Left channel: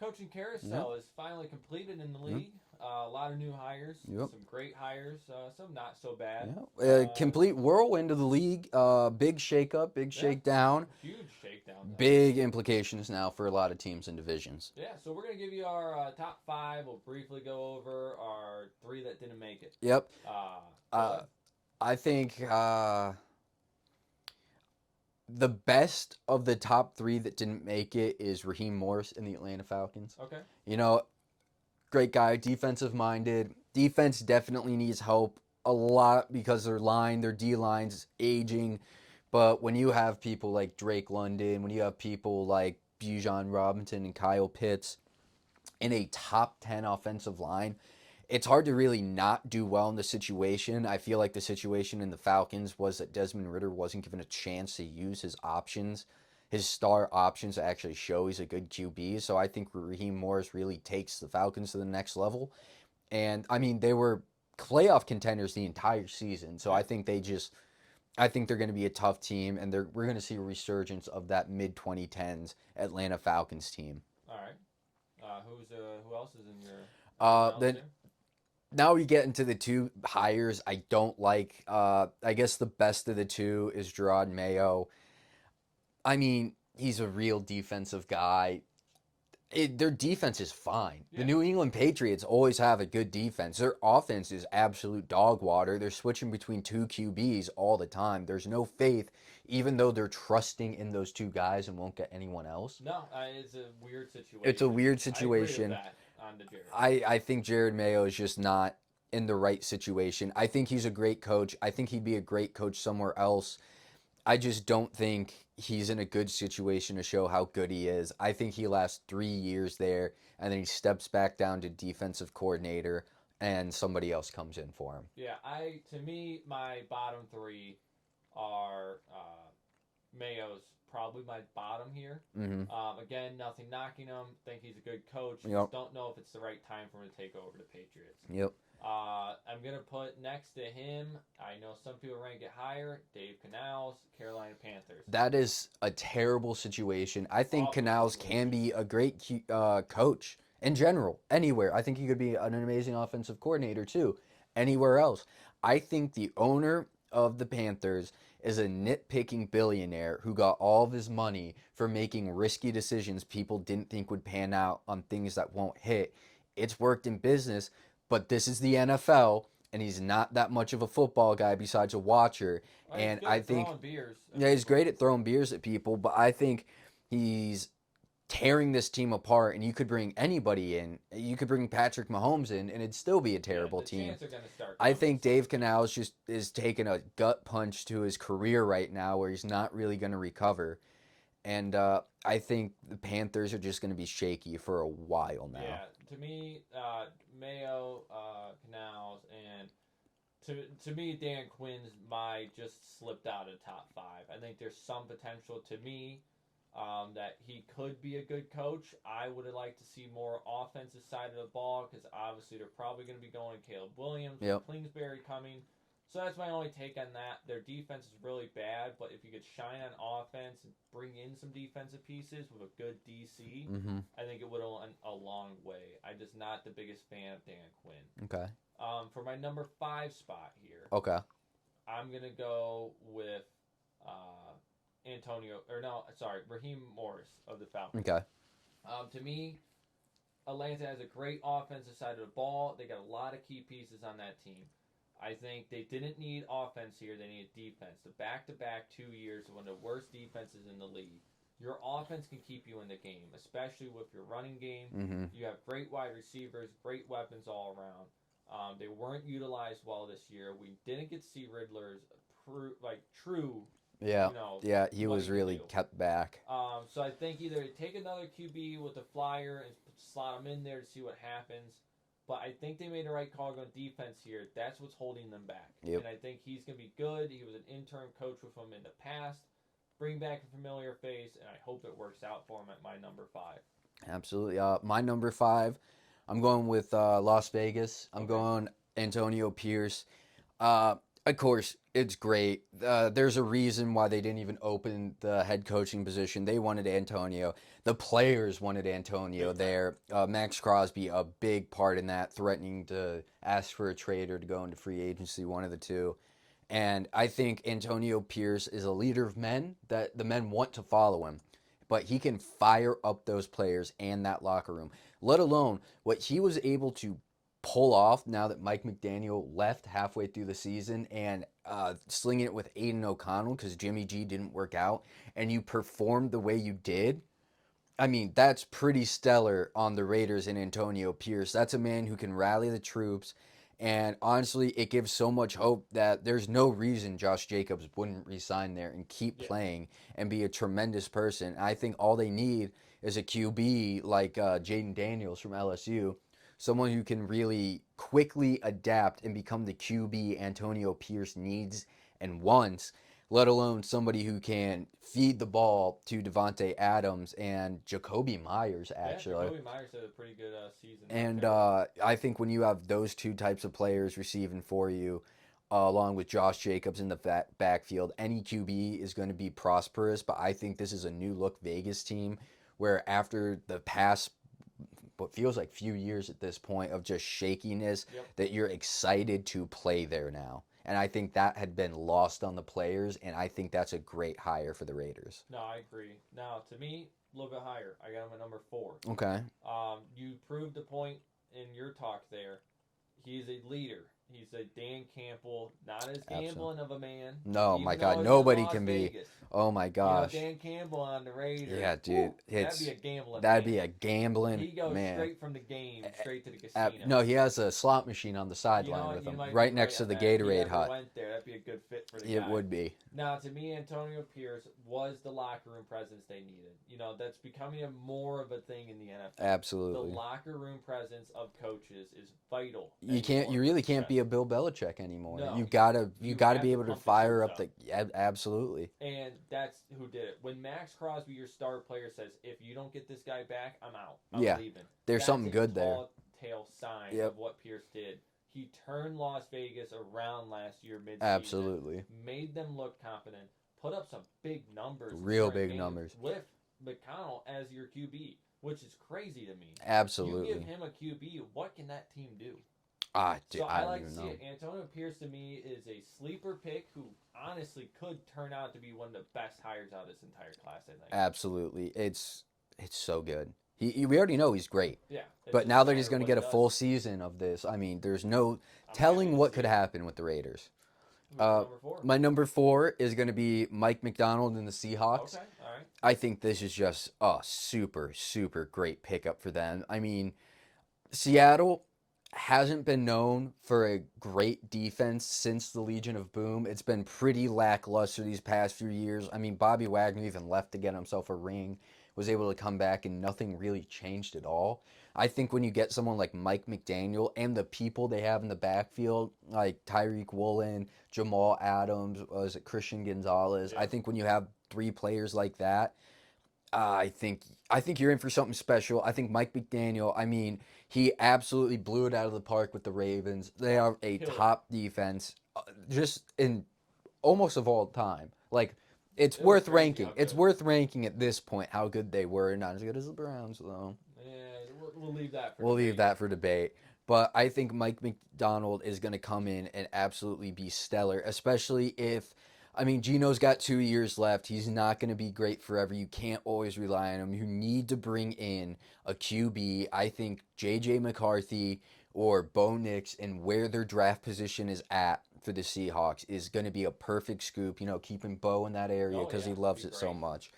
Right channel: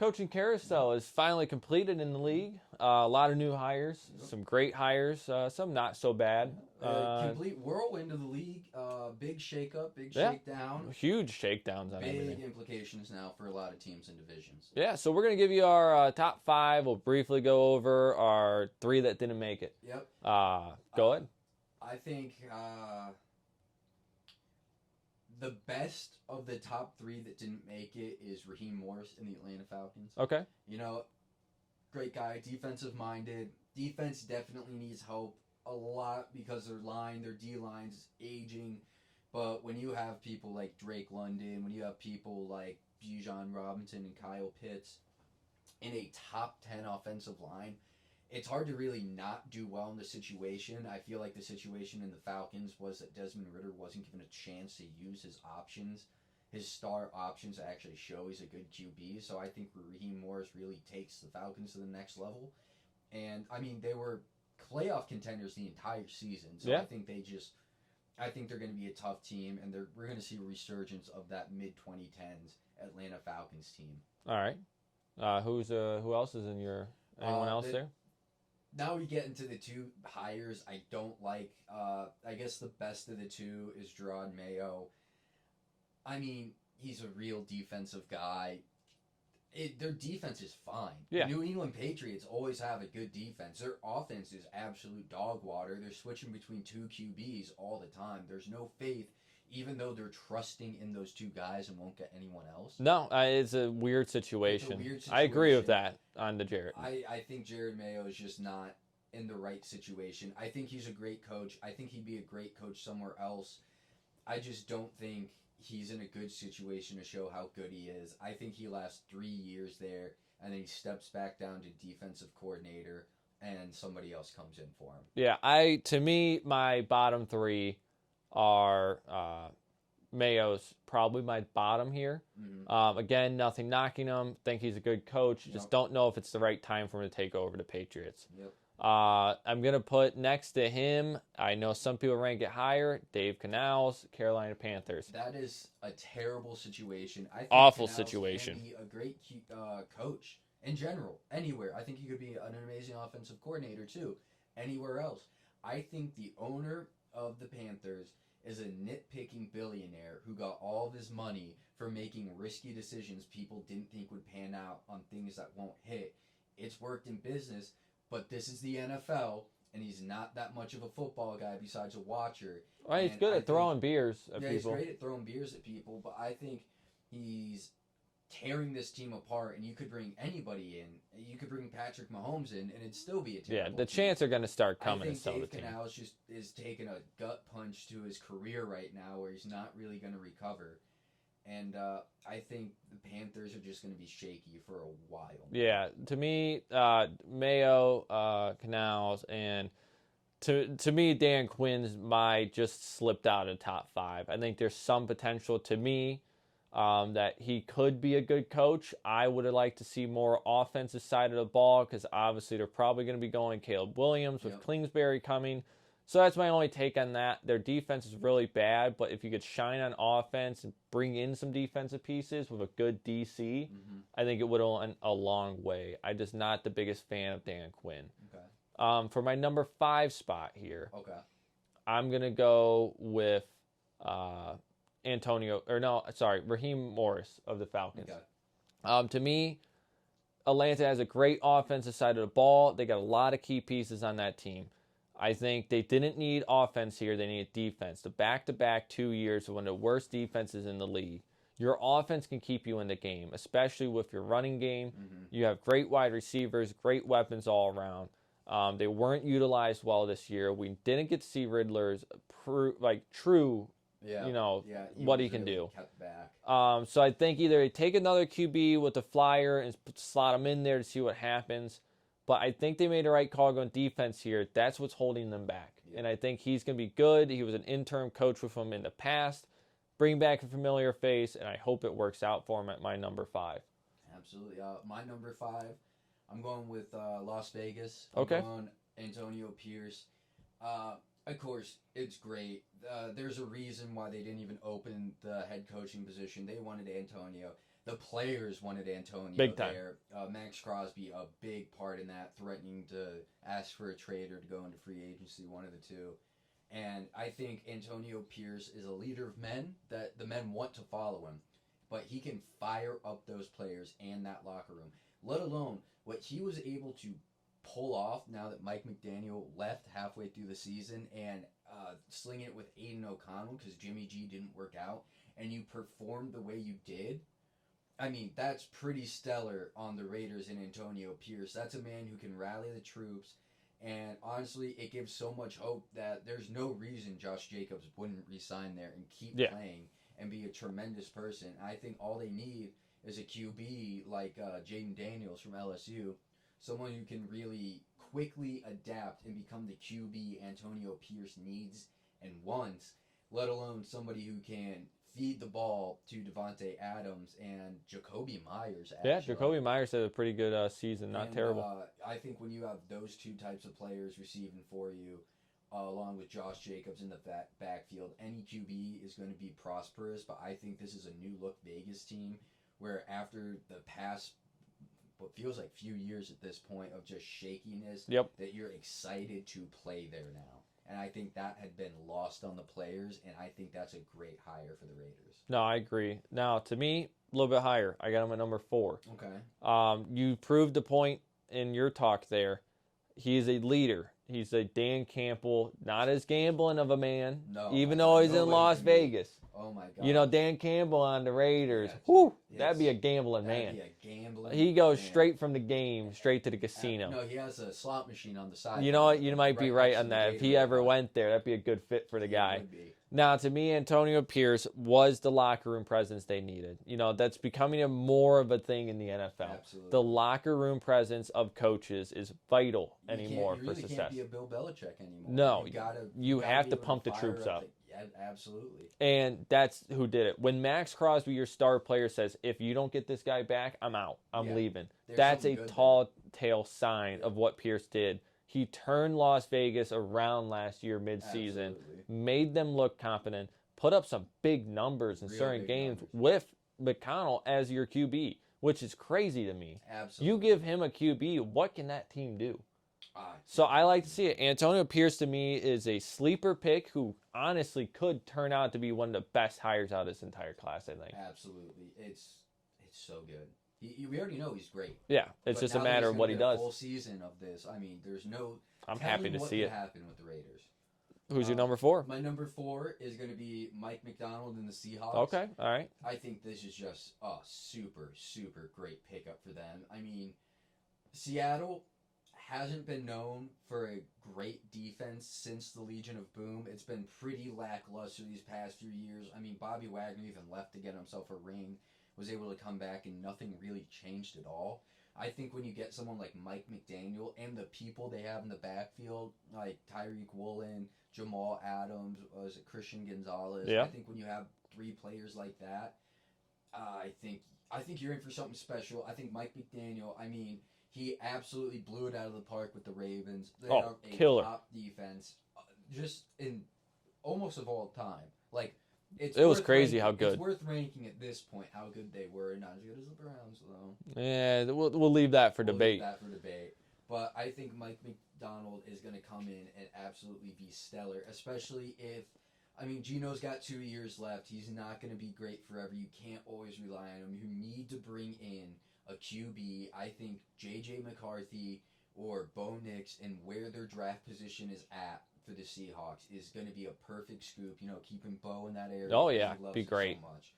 coaching carousel is finally completed in the league. A lot of new hires, some great hires, some not so bad. Complete whirlwind of the league. Big shakeup, big shakedown. Huge shakedowns. Big implications now for a lot of teams and divisions. Yeah, so we're going to give you our top 5. We'll briefly go over our 3 that didn't make it. Yep. Go ahead. I think the best of the top 3 that didn't make it is Raheem Morris in the Atlanta Falcons. Okay. Great guy, defensive-minded. Defense definitely needs help a lot because their D-line's aging. But when you have people like Drake London, when you have people like Bijan Robinson and Kyle Pitts in a top 10 offensive line, it's hard to really not do well in the situation. I feel like the situation in the Falcons was that Desmond Ridder wasn't given a chance to use his options, his star options to actually show he's a good QB. So I think Raheem Morris really takes the Falcons to the next level. And, they were playoff contenders the entire season. So I think I think they're going to be a tough team, and we're going to see a resurgence of that mid-2010s Atlanta Falcons team. All right. Who else is in your else there? Now we get into the 2 hires I don't like. I guess the best of the 2 is Gerard Mayo. He's a real defensive guy. Their defense is fine. Yeah. The New England Patriots always have a good defense. Their offense is absolute dog water. They're switching between 2 QBs all the time. There's no faith, even though they're trusting in those 2 guys and won't get anyone else. No, it's a weird situation. It's a weird situation. I agree with that on the Jared. I think Jared Mayo is just not in the right situation. I think he's a great coach. I think he'd be a great coach somewhere else. I just don't think he's in a good situation to show how good he is. I think he lasts 3 years there, and then he steps back down to defensive coordinator, and somebody else comes in for him. Yeah, to me, my bottom 3 are Mayo's probably my bottom here. Mm-hmm. Again, nothing knocking him. Think he's a good coach. Just don't know if it's the right time for him to take over the Patriots. Yep. I'm going to put next to him, I know some people rank it higher, Dave Canals, Carolina Panthers. That is a terrible situation. I think Canals can be a great coach in general, anywhere. I think he could be an amazing offensive coordinator too, anywhere else. I think the owner of the Panthers is a nitpicking billionaire who got all of his money for making risky decisions people didn't think would pan out on things that won't hit. It's worked in business, but this is the NFL, and he's not that much of a football guy besides a watcher. Right, and he's good at throwing beers at people. He's great at throwing beers at people, but I think he's tearing this team apart, and you could bring anybody in. You could bring Patrick Mahomes in, and it'd still be a terrible team. The chants are going to start coming. I think Dave Canals just is taking a gut punch to his career right now where he's not really going to recover. And I think the Panthers are just going to be shaky for a while now. Yeah, to me, Mayo, Canals, and to me, Dan Quinn's just slipped out of the top 5. I think there's some potential to me that he could be a good coach. I would have liked to see more offensive side of the ball because obviously they're probably going to be going Caleb Williams with Kingsbury coming. So that's my only take on that. Their defense is really bad, but if you could shine on offense and bring in some defensive pieces with a good DC, I think it would have went a long way. I'm just not the biggest fan of Dan Quinn. Okay. For my number 5 spot here, I'm going to go with Raheem Morris of the Falcons. Okay. To me, Atlanta has a great offensive side of the ball. They got a lot of key pieces on that team. I think they didn't need offense here. They needed defense. The back-to-back 2 years of one of the worst defenses in the league. Your offense can keep you in the game, especially with your running game. You have great wide receivers, great weapons all around. They weren't utilized well this year. We didn't get to see Riddler's true, he what was he can really do. kept back. So I think either they take another QB with the flyer and slot him in there to see what happens. But I think they made the right call going defense here. That's what's holding them back. And I think he's going to be good. He was an interim coach with him in the past. Bring back a familiar face, and I hope it works out for him at my number 5. Absolutely. My number 5, I'm going with Las Vegas. I'm going Antonio Pierce. Of course, it's great. There's a reason why they didn't even open the head coaching position. They wanted Antonio. The players wanted Antonio Big time. there. Max Crosby, a big part in that, threatening to ask for a trade or to go into free agency, one of the two. And I think Antonio Pierce is a leader of men that the men want to follow him. But he can fire up those players and that locker room, let alone what he was able to pull off now that Mike McDaniel left halfway through the season and slinging it with Aiden O'Connell because Jimmy G didn't work out and you performed the way you did. I mean, that's pretty stellar on the Raiders and Antonio Pierce. That's a man who can rally the troops. And honestly, it gives so much hope that there's no reason Josh Jacobs wouldn't resign there and keep playing and be a tremendous person. I think all they need is a QB like Jaden Daniels from LSU, someone who can really quickly adapt and become the QB Antonio Pierce needs and wants, let alone somebody who can feed the ball to Devontae Adams and Jacoby Myers, actually. Yeah, Jacoby Myers had a pretty good season. And I think when you have those two types of players receiving for you, along with Josh Jacobs in the backfield, any QB is going to be prosperous. But I think this is a new look Vegas team where after the past what feels like few years at this point of just shakiness, that you're excited to play there now. And I think that had been lost on the players, and I think that's a great hire for the Raiders. No, I agree. Now, to me, a little bit higher. I got him at number 4. Okay. You proved the point in your talk there. He's a leader. He's a Dan Campbell, not as gambling of a man. No, even my though God, he's nobody in Las can Vegas. Oh my gosh. You know, Dan Campbell on the Raiders. Yeah, dude. Woo, that'd be a gambling That'd man. be a gambling He goes man. straight from the game, straight to the casino. No, he has a slot machine on the side. You know what? You might be right next on to the that. Gatorade If he ever hut. went there, that'd be a good fit for the guy. It would be. Now, to me, Antonio Pierce was the locker room presence they needed. You know, that's becoming more of a thing in the NFL. Absolutely. The locker room presence of coaches is vital. You really can't be a Bill Belichick anymore. No, you gotta be able to fire up the absolutely. And that's who did it. When Max Crosby, your star player, says, "If you don't get this guy back, I'm out. I'm leaving." There's that's something good there. That's a tall tale sign of what Pierce did. He turned Las Vegas around last year midseason. Absolutely. Made them look confident. Put up some big numbers in certain games with McConnell as your QB, which is crazy to me. Absolutely. You give him a QB, what can that team do? So I like to see it. Antonio Pierce, to me, is a sleeper pick who honestly could turn out to be one of the best hires out of this entire class, I think. Absolutely. It's so good. We already know he's great. Yeah. But now that he's going to get a full season of this, I mean, there's no telling what could happen with the Raiders. Who's your number 4? My number 4 is going to be Mike McDonald and the Seahawks. Okay, all right. I think this is just a super, super great pickup for them. I mean, Seattle hasn't been known for a great defense since the Legion of Boom. It's been pretty lackluster these past few years. I mean, Bobby Wagner even left to get himself a ring, was able to come back, and nothing really changed at all. I think when you get someone like Mike McDaniel and the people they have in the backfield, like Tyreek Woolen, Jamal Adams, was it Christian Gonzalez? I think when you have 3 players like that, I think you're in for something special. I think Mike McDaniel, I mean, he absolutely blew it out of the park with the Ravens. They are a top defense, just in almost of all time. Like, it's worth ranking. It's worth ranking at this point how good they were. Not as good as the Browns, though. Yeah, we'll leave that for debate. But I think Mike McDonald is going to come in and absolutely be stellar, especially if, I mean, Gino's got 2 years left. He's not going to be great forever. You can't always rely on him. You need to bring in a QB. I think J.J. McCarthy or Bo Nix and where their draft position is at for the Seahawks is going to be a perfect scoop. You know, keeping Bo in that area because he loves it so much.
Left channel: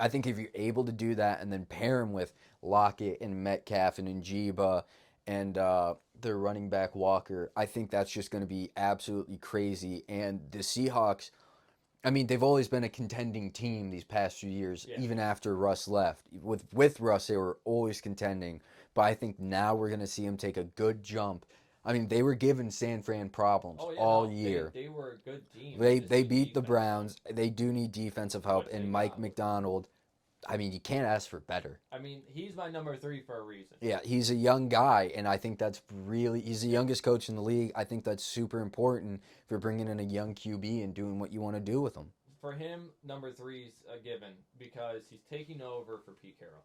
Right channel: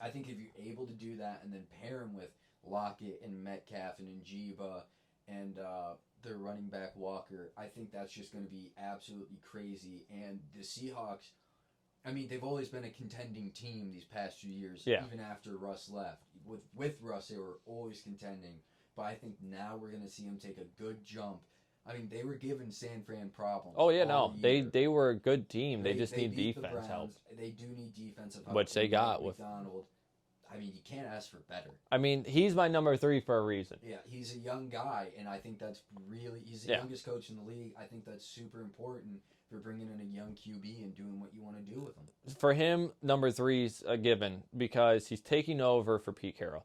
I think if you're able to do that and then pair him with Lockett and Metcalf and Njigba and their running back Walker, I think that's just going to be absolutely crazy. And the Seahawks, I mean, they've always been a contending team these past few years, even after Russ left. With Russ, they were always contending. But I think now we're going to see them take a good jump. I mean, they were giving San Fran problems all year. They were a good team. They beat the Browns. They do need defensive help. And Mike McDonald, I mean, you can't ask for better. I mean, he's my number 3 for a reason. Yeah, he's a young guy, and I think that's really, he's the youngest coach in the league. I think that's super important for bringing in a young QB and doing what you want to do with him. For him, number 3 is a given because he's taking over for Pete Carroll,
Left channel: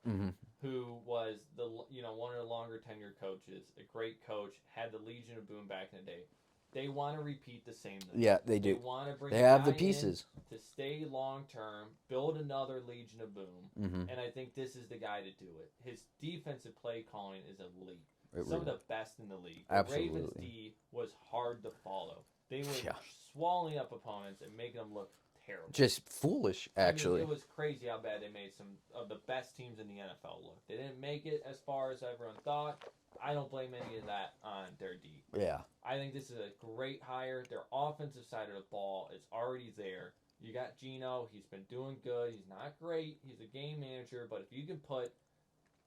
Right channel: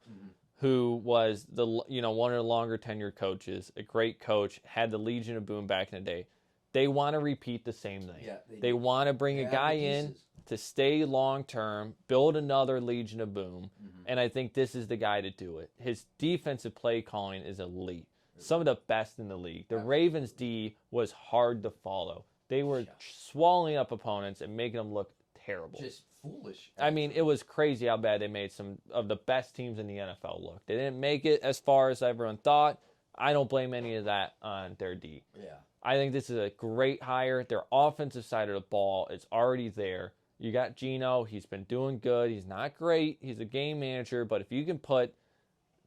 who was one of the longer tenured coaches, a great coach, had the Legion of Boom back in the day. They want to repeat the same thing. Yeah, they do. They want to bring a guy in to stay long term, build another Legion of Boom, and I think this is the guy to do it. His defensive play calling is elite. Some of the best in the league. The Ravens D was hard to follow. They were swallowing up opponents and making them look terrible. Just foolish, actually. I mean, it was crazy how bad they made some of the best teams in the NFL look. They didn't make it as far as everyone thought. I don't blame any of that on their D. Yeah. I think this is a great hire. Their offensive side of the ball is already there. You got Geno. He's been doing good. He's not great. He's a game manager. But if you can put,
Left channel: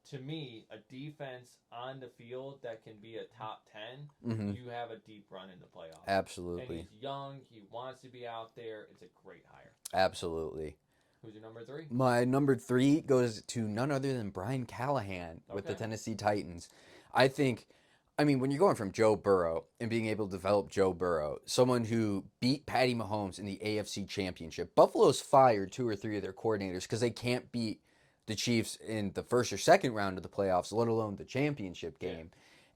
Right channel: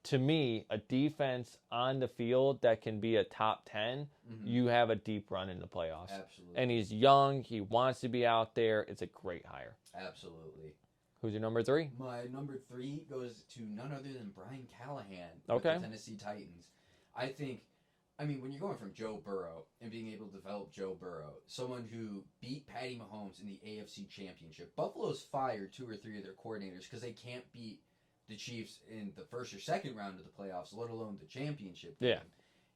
to me, a defense on the field that can be a top 10, you have a deep run in the playoffs. Absolutely. And he's young. He wants to be out there. It's a great hire. Absolutely. Who's your number 3? My number 3 goes to none other than Brian Callahan with the Tennessee Titans. I think, I mean, when you're going from Joe Burrow and being able to develop Joe Burrow, someone who beat Patty Mahomes in the AFC Championship, Buffalo's fired 2 or 3 of their coordinators because they can't beat the Chiefs in the first or second round of the playoffs, let alone the championship game.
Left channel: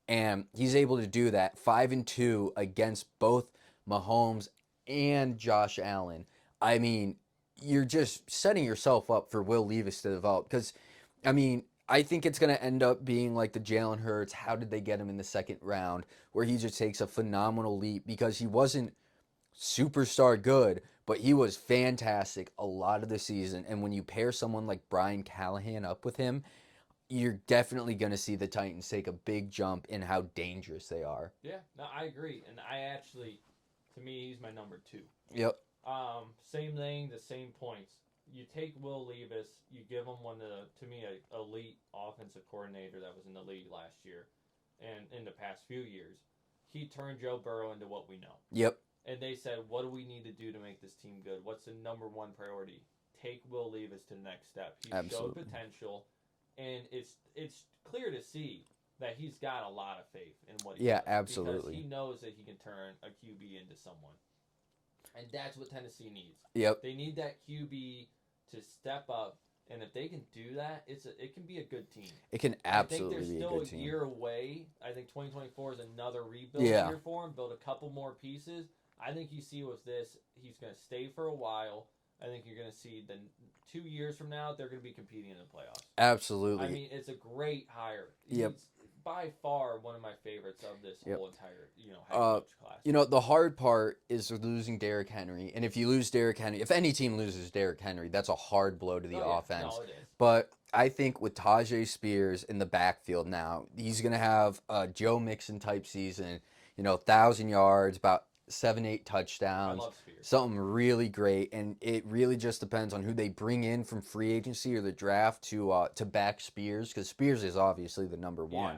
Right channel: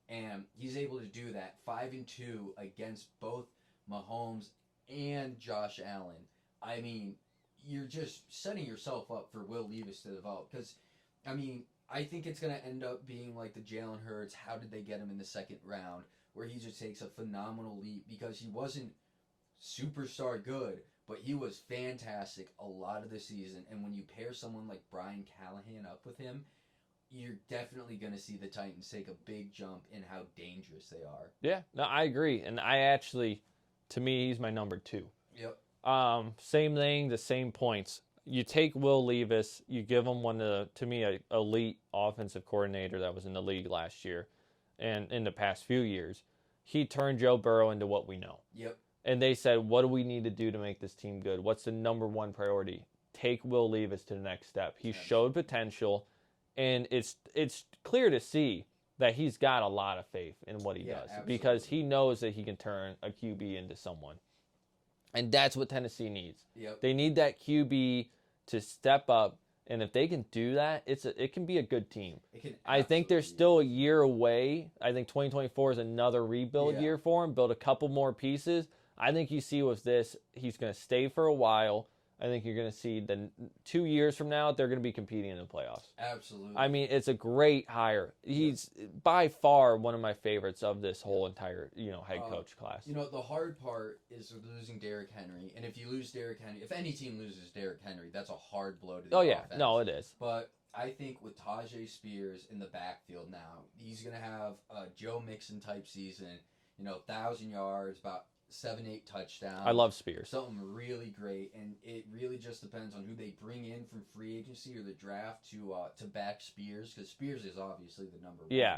Yeah. And he's able to do that 5-2 against both Mahomes and Josh Allen. I mean, you're just setting yourself up for Will Levis to develop because, I mean, I think it's going to end up being like the Jalen Hurts, how did they get him in the second round, where he just takes a phenomenal leap because he wasn't superstar good, but he was fantastic a lot of the season. And when you pair someone like Brian Callahan up with him, you're definitely going to see the Titans take a big jump in how dangerous they are. Yeah, no, I agree. And I actually, to me, he's my number 2. Yep. Same thing, the same points. You take Will Levis, you give him one of the, to me, an elite offensive coordinator that was in the league last year and in the past few years. He turned Joe Burrow into what we know. Yep. And they said, what do we need to do to make this team good? What's the number 1 priority? Take Will Levis to the next step. He showed potential, and it's clear to see that he's got a lot of faith in what he does. Absolutely. Because he knows that he can turn a QB into someone. And that's what Tennessee needs. Yep. They need that QB to step up, and if they can do that, it can be a good team. It can. I think they're still a year away. I think 2024 is another rebuild year for him. Build a couple more pieces. I think you see with this, he's going to stay for a while. I think you're going to see 2 years from now, they're going to be competing in the playoffs. Absolutely. I mean, it's a great hire. He's by far one of my favorites of this whole entire, head coach class. The hard part is losing Derrick Henry. And if you lose Derrick Henry, if any team loses Derrick Henry, that's a hard blow to the offense. No, it is. But I think with Tajay Spears in the backfield now, he's going to have a Joe Mixon type season, 1,000 yards, about 7-8 touchdowns. I love Spears. Something really great, and it really just depends on who they bring in from free agency or the draft to back Spears, because Spears is obviously the number 1. Yeah,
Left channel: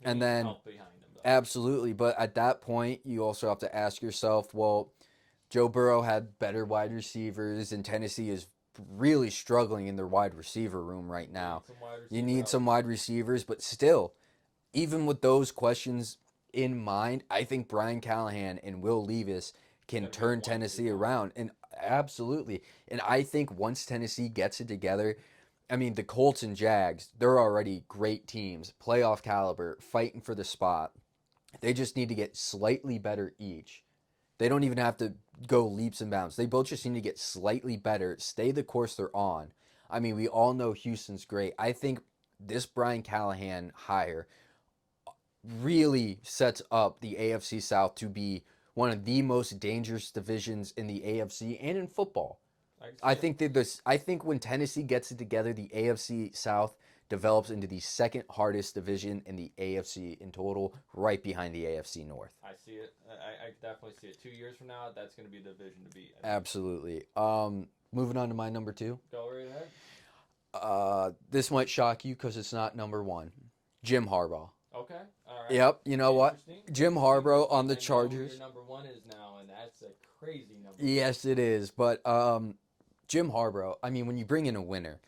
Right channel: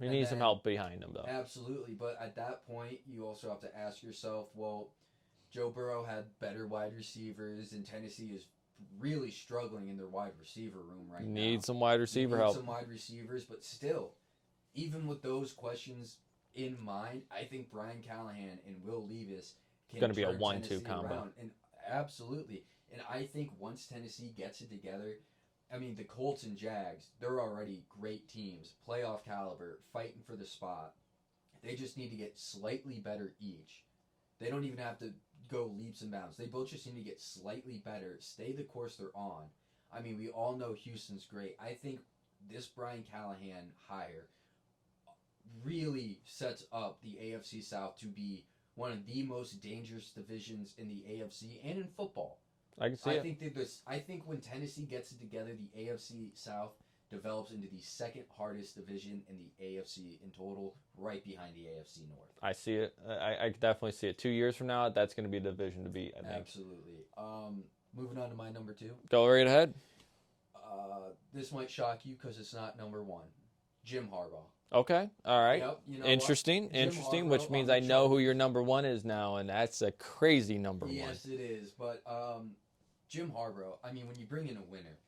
he needs some help behind him, though. Absolutely, but at that point, you also have to ask yourself, well, Joe Burrow had better wide receivers, and Tennessee is really struggling in their wide receiver room right now. Need some wide receiver You need help. some wide receivers, but still, even with those questions in mind, I think Brian Callahan and Will Levis can turn Tennessee around. And absolutely. And I think once Tennessee gets it together, I mean, the Colts and Jags, they're already great teams, playoff caliber, fighting for the spot. They just need to get slightly better each. They don't even have to go leaps and bounds. They both just need to get slightly better, stay the course they're on. I mean, we all know Houston's great. I think this Brian Callahan hire really sets up the AFC South to be one of the most dangerous divisions in the AFC and in football. I think when Tennessee gets it together, the AFC South develops into the second hardest division in the AFC in total, right behind the AFC North. I see it. I definitely see it. 2 years from now, that's going to be the division to beat. Absolutely. Moving on to my number 2. Go right ahead. This might shock you because it's not number 1. Jim Harbaugh. Okay, all right. Yep, you know Interesting. what? Jim Harbaugh on the Chargers. I know who your number 1 is now, and that's a crazy number. Yes, it is. But Jim Harbaugh, I mean, when you bring in a winner,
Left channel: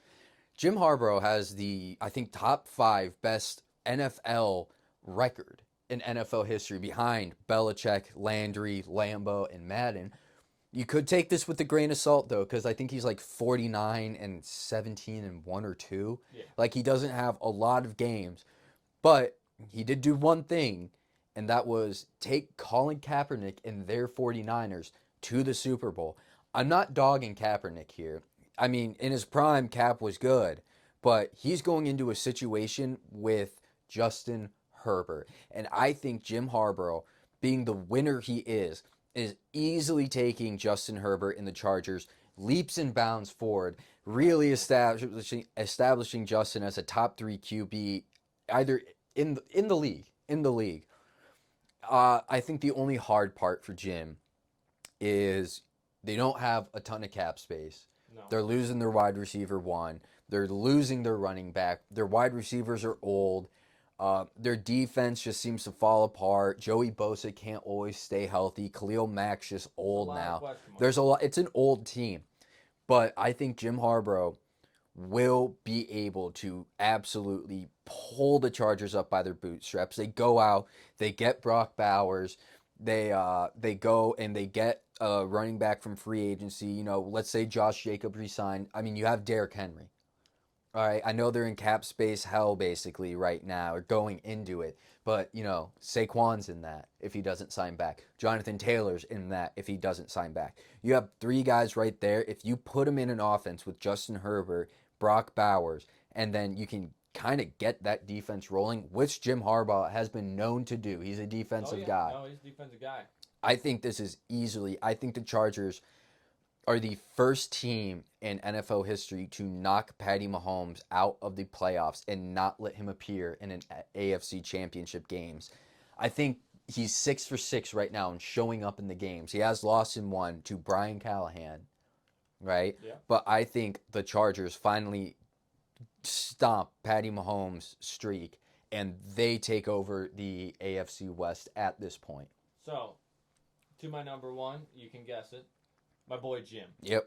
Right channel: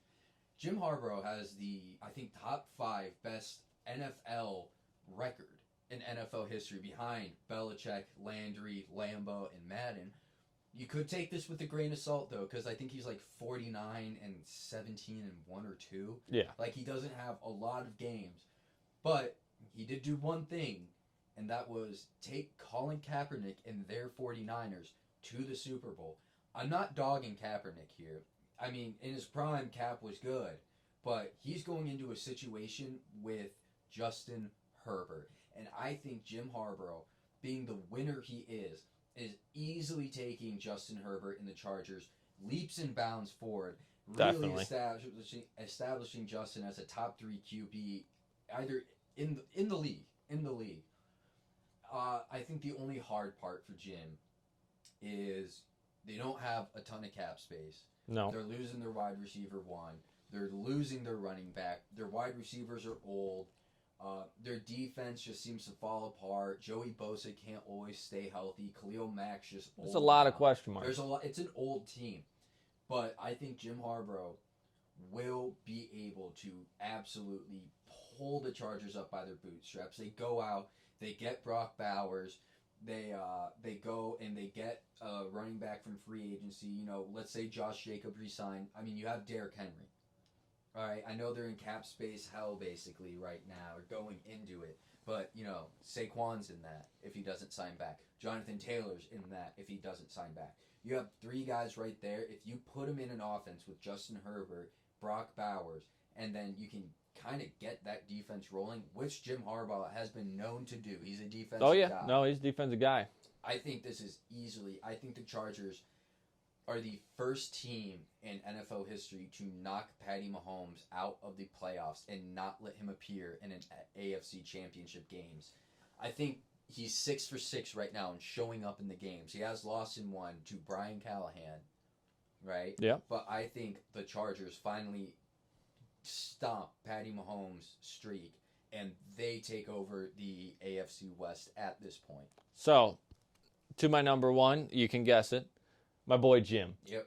Jim Harbaugh has the, I think, top 5 best NFL record in NFL history behind Belichick, Landry, Lambeau, and Madden. You could take this with a grain of salt though, because I think he's like 49 and 17 and 1 or 2. Yeah. Like he doesn't have a lot of games, but he did do one thing, and that was take Colin Kaepernick and their 49ers to the Super Bowl. I'm not dogging Kaepernick here. I mean, in his prime, Cap was good, but he's going into a situation with Justin Herbert. And I think Jim Harbaugh, being the winner he is easily taking Justin Herbert and the Chargers leaps and bounds forward, really establishing Justin as a top 3 QB, either in the league. I think the only hard part for Jim is they don't have a ton of cap space. No. They're losing their wide receiver one. They're losing their running back. Their wide receivers are old. Their defense just seems to fall apart. Joey Bosa can't always stay healthy. Khalil Mack's just old. There's a lot now. of question marks. There's a lot. It's an old team, but I think Jim Harbaugh will be able to absolutely pull the Chargers up by their bootstraps. They go out, they get Brock Bowers, they go and they get a running back from free agency. You know, let's say Josh Jacobs resigned. I mean, you have Derrick Henry. All right, I know they're in cap space hell basically right now, or going into it. But, you know, Saquon's in that if he doesn't sign back. Jonathan Taylor's in that if he doesn't sign back. You have 3 guys right there. If you put them in an offense with Justin Herbert, Brock Bowers, and then you can kind of get that defense rolling, which Jim Harbaugh has been known to do. He's a defensive guy. No, he's a defensive guy. I think this is easily, I think the Chargers are the first team in NFL history to knock Patty Mahomes out of the playoffs and not let him appear in an AFC championship games. I think he's 6 for 6 right now and showing up in the games. He has lost in one to Brian Callahan, right? Yeah. But I think the Chargers finally stomp Patty Mahomes' streak and they take over the AFC West at this point. So, to my number 1, you can guess it. My boy Jim. Yep.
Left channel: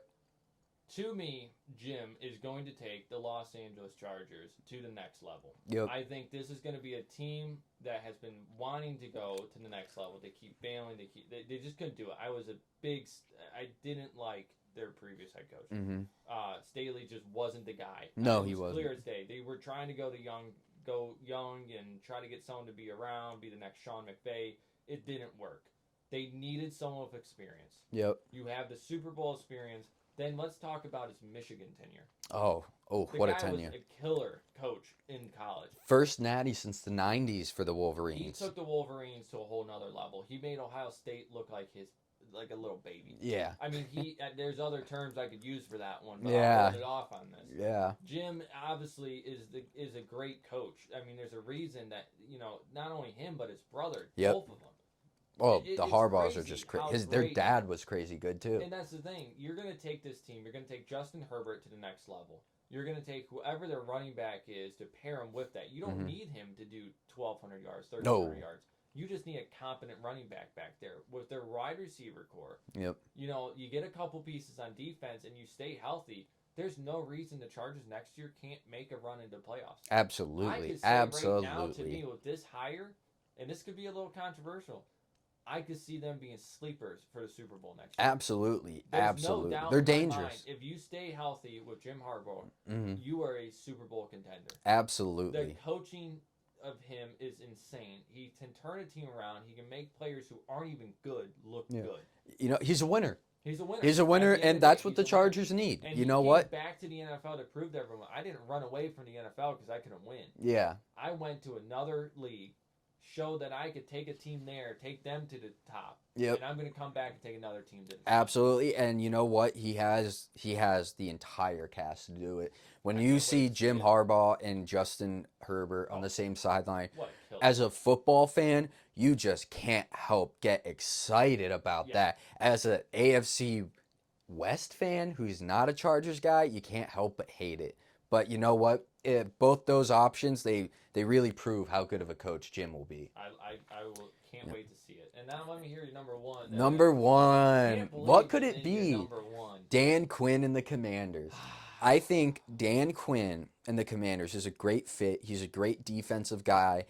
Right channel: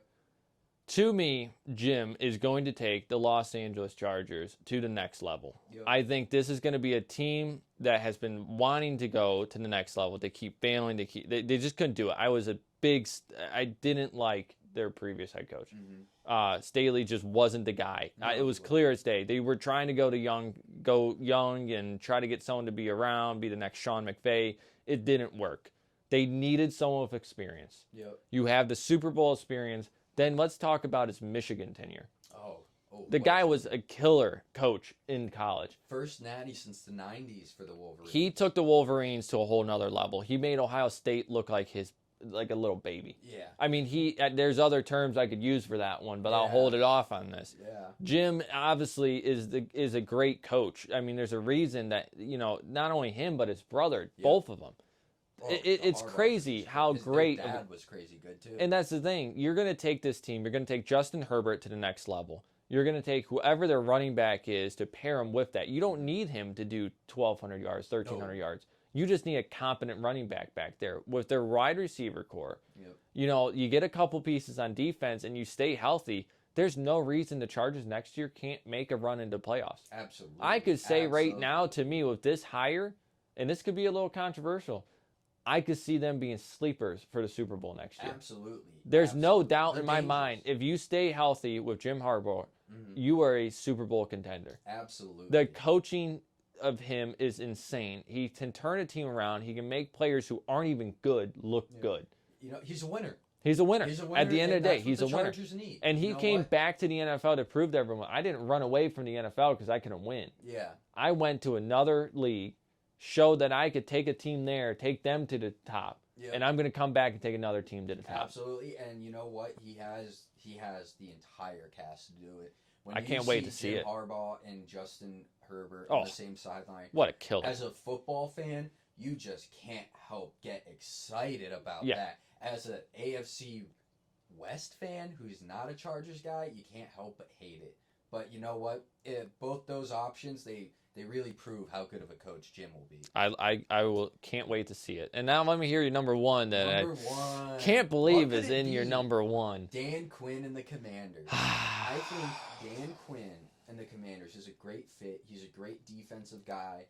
To me, Jim is going to take the Los Angeles Chargers to the next level. Yep. I think this is going to be a team that has been wanting to go to the next level. They keep failing. They just couldn't do it. I didn't like their previous head coach. Mm-hmm. Staley just wasn't the guy. No, it was clear as day. They were trying to go young and try to get someone to be around, be the next Sean McVay. It didn't work. They needed someone with experience. Yep. You have the Super Bowl experience. Then let's talk about his Michigan tenure. Oh, the guy was a killer coach in college. First natty since the 90s for the Wolverines. He took the Wolverines to a whole nother level. He made Ohio State look like a little baby. Yeah. I mean, there's other terms I could use for that one, but I'll hold it off on this. Yeah. Jim obviously is a great coach. I mean, there's a reason that, you know, not only him but his brother, both of them. Oh, it's crazy how great. Their dad was crazy good too. And that's the thing. You're going to take this team. You're going to take Justin Herbert to the next level. You're going to take whoever their running back is to pair him with that. You don't need him to do 1,200 yards, 1,300 yards. You just need a competent running back there with their wide receiver core. Yep. You know, you get a couple pieces on defense and you stay healthy. There's no reason the Chargers next year can't make a run into playoffs. Absolutely. I could say right now to me with this hire, and this could be a little controversial, I could see them being sleepers for the Super Bowl next year. Absolutely. There's no doubt They're in dangerous. my mind, if you stay healthy with Jim Harbaugh, you are a Super Bowl contender. Absolutely. The coaching of him is insane. He can turn a team around. He can make players who aren't even good look good. You know, he's a winner. He's a winner. He's a winner, and that's what the Chargers need. And you he know came what? back to the NFL to prove to everyone, I didn't run away from the NFL because I couldn't win. Yeah. I went to another league, showed that I could take a team there, take them to the top. Yep. And I'm going to come back and take another team to the top. Absolutely. And you know what? He has the entire cast to do it. When you see Jim Harbaugh and Justin Herbert on the same sideline, what a killer. As a football fan, you just can't help get excited about that. As an AFC West fan who's not a Chargers guy, you can't help but hate it. But you know what? both those options, they really prove how good of a coach Jim will be. I will can't wait to see it. And now let me hear your number one. That Number one. can't What believe could is it in be? your number one. Dan Quinn and the Commanders. I think Dan Quinn and the Commanders is a great fit. He's a great defensive guy.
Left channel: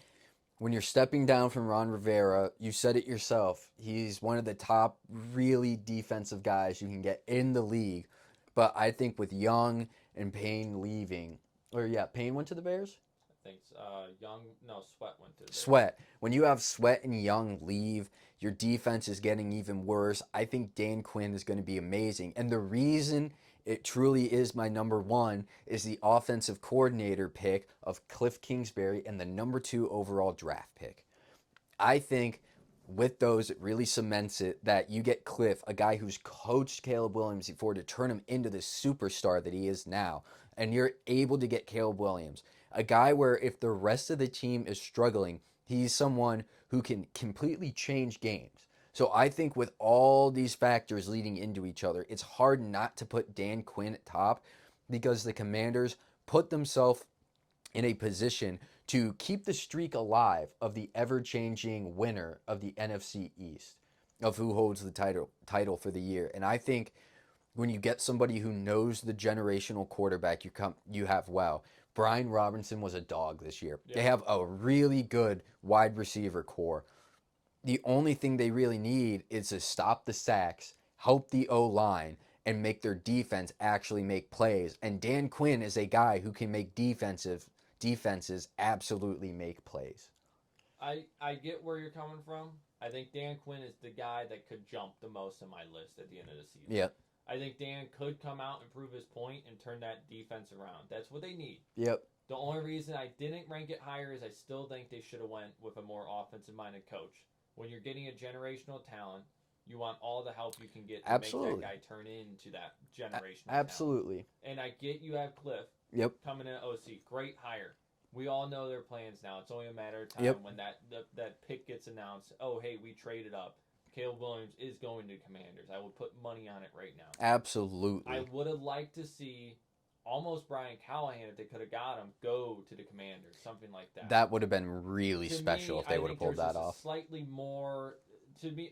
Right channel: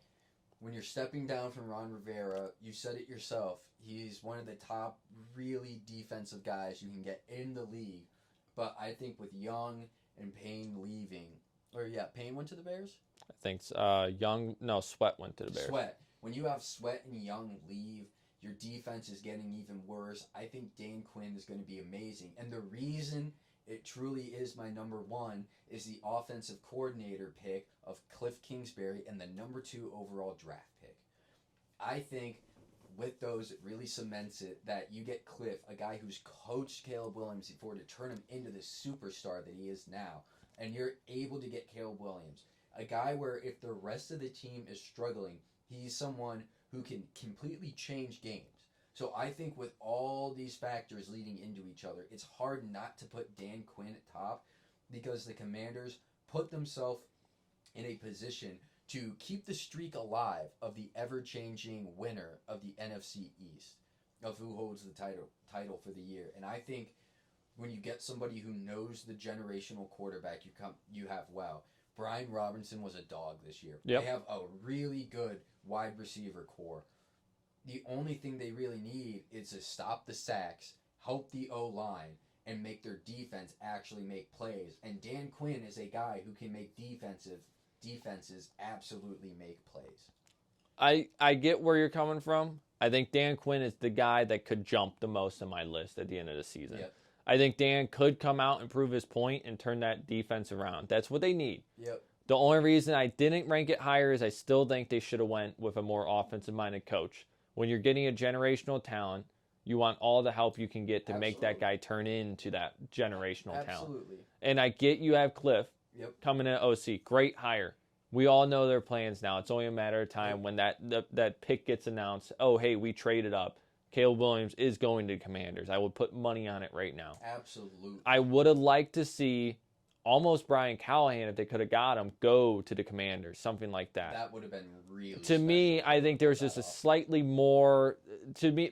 When you're stepping down from Ron Rivera, you said it yourself. He's one of the top really defensive guys you can get in the league. But I think with Young and Payne leaving, Payne went to the Bears? I think Sweat went to the Bears. Sweat. When you have Sweat and Young leave, your defense is getting even worse. I think Dan Quinn is going to be amazing. And the reason it truly is my number one is the offensive coordinator pick of Cliff Kingsbury and the number 2 overall draft pick. I think with those, it really cements it that you get Cliff, a guy who's coached Caleb Williams before, to turn him into the superstar that he is now. And you're able to get Caleb Williams, a guy where if the rest of the team is struggling, he's someone who can completely change games. So I think with all these factors leading into each other, it's hard not to put Dan Quinn at top because the Commanders put themselves in a position to keep the streak alive of the ever-changing winner of the NFC East, of who holds the title for the year. And I think when you get somebody who knows the generational quarterback you have, Brian Robinson was a dog this year. Yep. They have a really good wide receiver core. The only thing they really need is to stop the sacks, help the O-line, and make their defense actually make plays. And Dan Quinn is a guy who can make defenses absolutely make plays. I get where you're coming from. I think Dan Quinn is the guy that could jump the most on my list at the end of the season. Yep. I think Dan could come out and prove his point and turn that defense around. That's what they need. Yep. The only reason I didn't rank it higher is I still think they should have went with a more offensive-minded coach. When you're getting a generational talent, you want all the help you can get to make that guy turn into that generational talent. Absolutely. And I get you have Cliff coming in at OC. Great hire. We all know their plans now. It's only a matter of time when that pick gets announced. Oh, hey, we traded up. Caleb Williams is going to Commanders. I would put money on it right now. Absolutely. I would have liked to see almost Brian Callahan, if they could have got him, go to the Commanders, something like that. That would have been really special. To me, I think there's just a slightly more,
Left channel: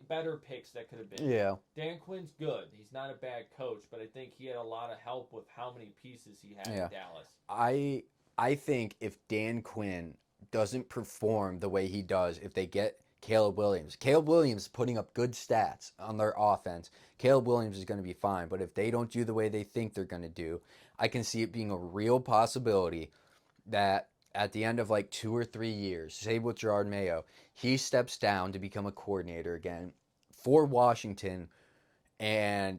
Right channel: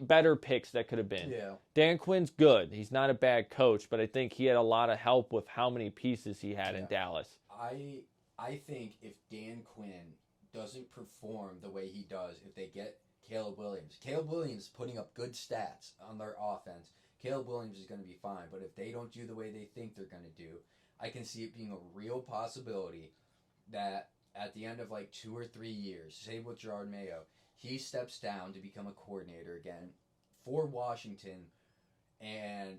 better picks that could have been. Yeah. Dan Quinn's good. He's not a bad coach, but I think he had a lot of help with how many pieces he had in Dallas. I think if Dan Quinn doesn't perform the way he does, if they get Caleb Williams putting up good stats on their offense, Caleb Williams is going to be fine. But if they don't do the way they think they're going to do, I can see it being a real possibility that at the end of like 2 or 3 years, say with Gerard Mayo, he steps down to become a coordinator again for Washington, and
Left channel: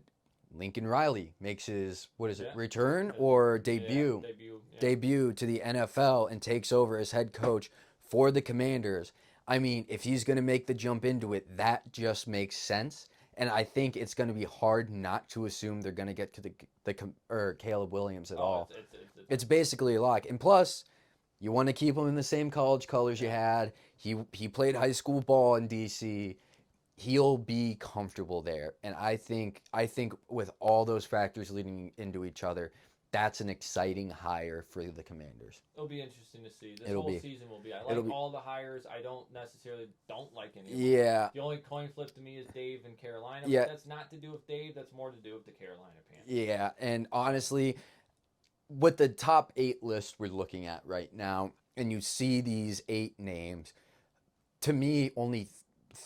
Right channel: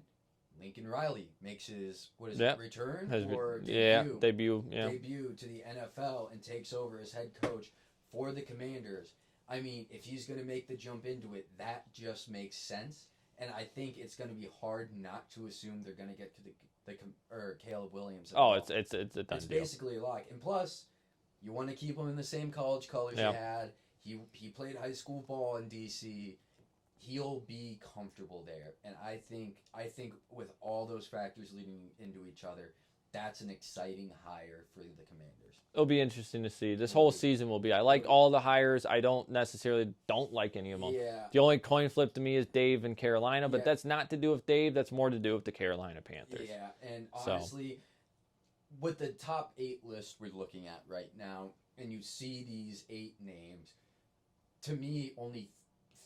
Lincoln Riley makes his, return or debut? Debut to the NFL and takes over as head coach for the Commanders. I mean, if he's going to make the jump into it, that just makes sense. And I think it's going to be hard not to assume they're going to get to the Caleb Williams at all. It's basically a lock. And plus, you want to keep him in the same college colors you had. He played high school ball in D.C. He'll be comfortable there. And I think with all those factors leading into each other, that's an exciting hire for the Commanders. It'll be interesting to see. This whole season will be. I like all the hires. I don't like any of them. Yeah. The only coin flip to me is Dave in Carolina, but that's not to do with Dave. That's more to do with the Carolina Panthers. Yeah, and honestly, with the top 8 list we're looking at right now, and you see these 8 names, to me, only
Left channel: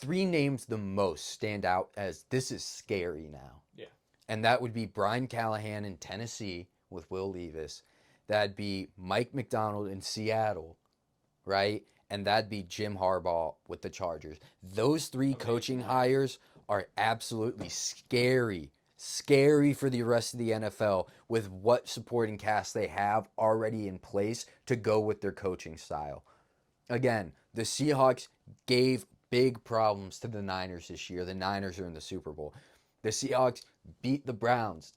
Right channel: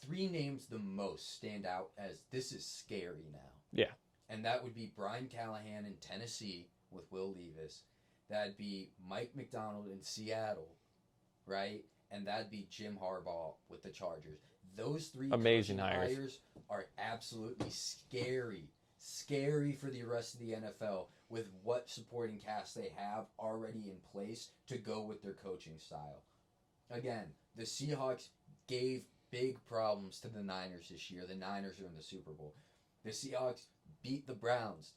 3 names the most stand out as this is scary now. Yeah. And that would be Brian Callahan in Tennessee with Will Levis. That'd be Mike McDonald in Seattle, right? And that'd be Jim Harbaugh with the Chargers. Those 3 coaching hires are absolutely scary for the rest of the NFL with what supporting cast they have already in place to go with their coaching style. Again, the Seahawks gave big problems to the Niners this year. The Niners are in the Super Bowl. The Seahawks beat the Browns.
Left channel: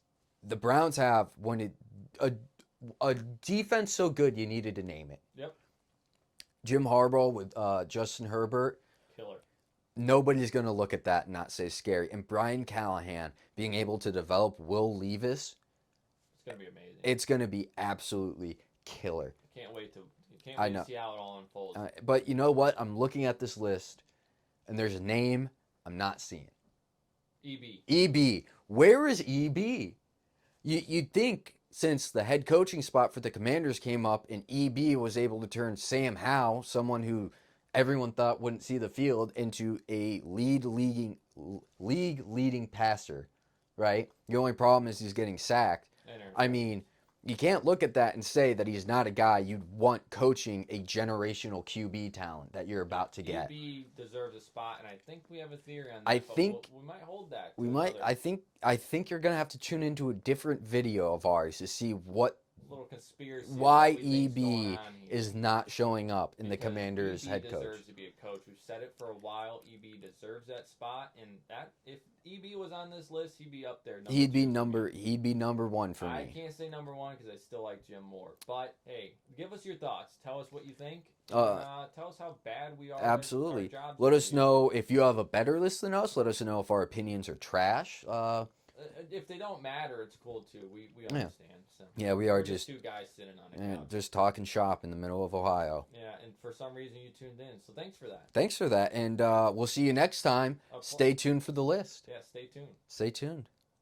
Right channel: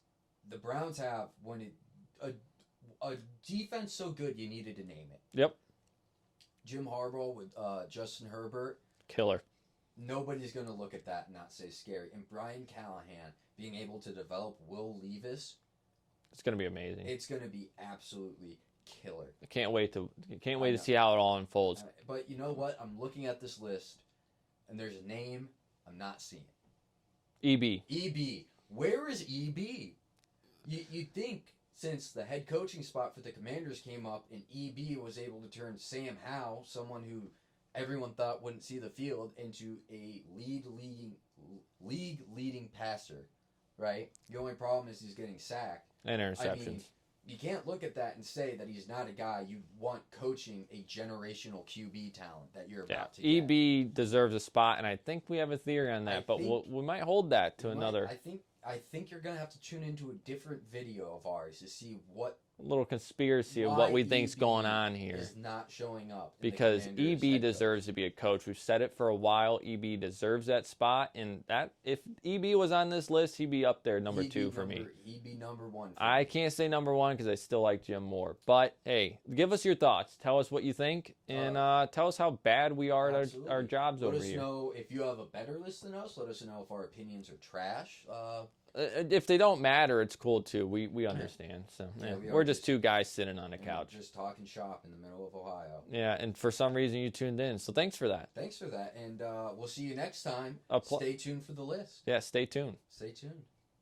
The Browns have a defense so good you needed to name it. Yep. Jim Harbaugh with Justin Herbert. Killer. Nobody's going to look at that and not say scary. And Brian Callahan being able to develop Will Levis. It's going to be amazing. It's going to be absolutely killer. I can't wait to know. see how it all unfolds. But you know what? I'm looking at this list, and there's a name I'm not seeing. EB. EB. Where is EB? You'd think since the head coaching spot for the Commanders came up and EB was able to turn Sam Howell, someone who everyone thought wouldn't see the field, into a league-leading passer, right? The only problem is he's getting sacked. And I mean, you can't look at that and say that he's not a guy you'd want coaching a generational QB talent that you're about to get. EB deserves a spot, and I think we have a theory on that, but we might hold that to another. I think you're going to have to tune into a different video of ours to see what little conspiracy of what we think's EB going on here is not showing up in the Commanders. Because EB deserves to be a coach. We've said it for a while. EB deserves that spot, and that if EB was on this list, he'd be up there number he'd 2 be for number me. He'd be number 1 for me. I can't say number 1 because I still like Jim Moore. But hey, give us your thoughts. Tell us what you think, and tell us how bad we are at our jobs. Let us know if you have a better list than us. Let us know if our opinions are trash. If they don't matter, it's cool too. We understand. So yeah, we're just two guys sitting on a couch, just talking shop in the middle of Ohio. Yeah, and for some reason you tuned in, so thanks for that. Thanks for that, and we'll see you next time. Stay tuned for the list. Yeah, stay tuned. Stay tuned.